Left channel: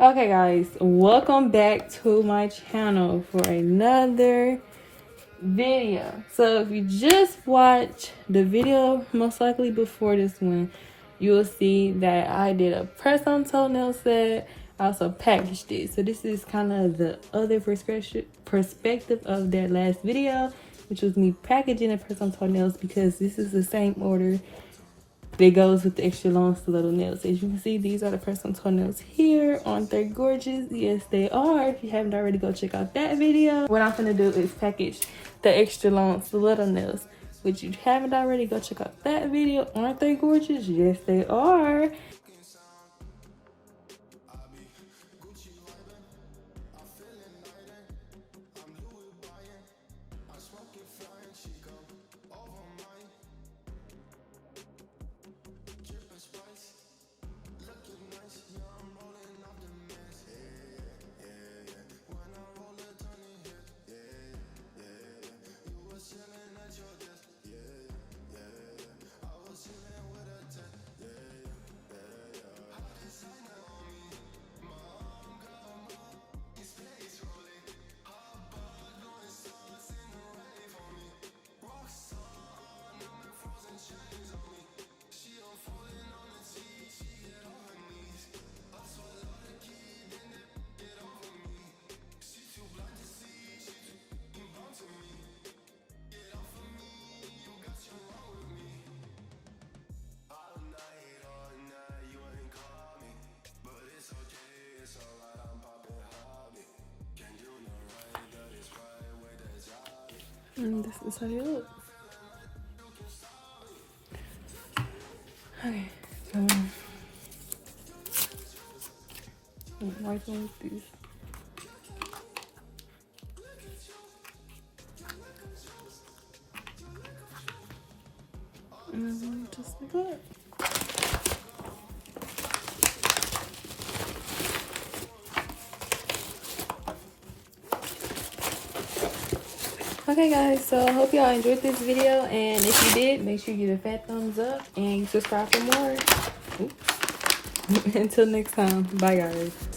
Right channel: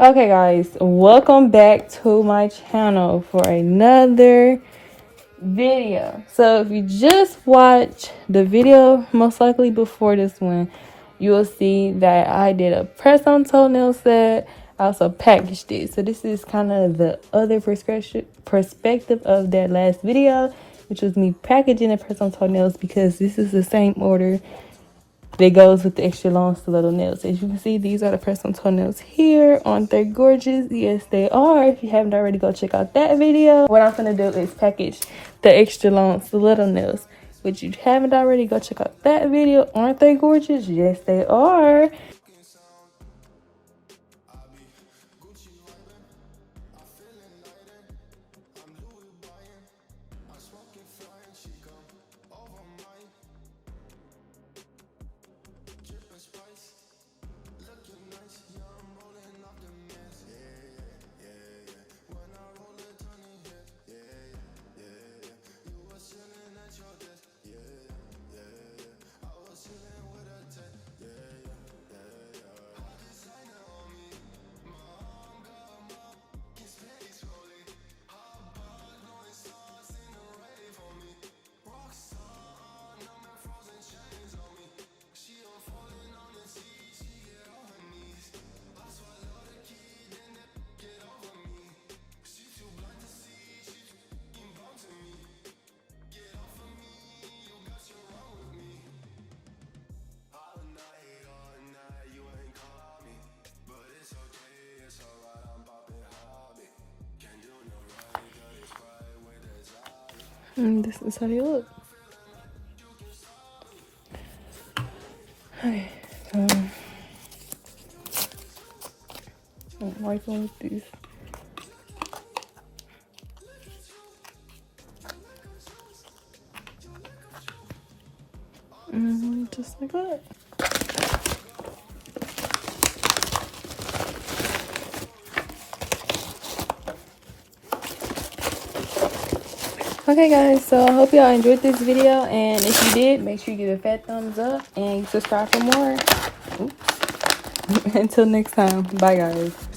Okay guys, welcome back to my channel for another video. So if you just watched the video most likely before this one, you will see that I did a press on toenail set. I also packaged it. So this is kind of the other perspective of that last video, which was me packaging a press on toenails, because this is the same order that goes with the extra long stiletto nails. As you can see, these are the press on toenails here. Aren't they gorgeous? Yes, they are. If you haven't already, go check out that video. What I'm gonna do is package the extra long stiletto nails. Which you haven't already, go check out that video. Aren't they gorgeous? Yes, they are. And this is how they look. Okay, so I'm working with these. Just like that. Okay guys, so I hope y'all enjoyed this video, and if you did, make sure you give a fat thumbs up and subscribe for more. Oops. Until next time, bye guys.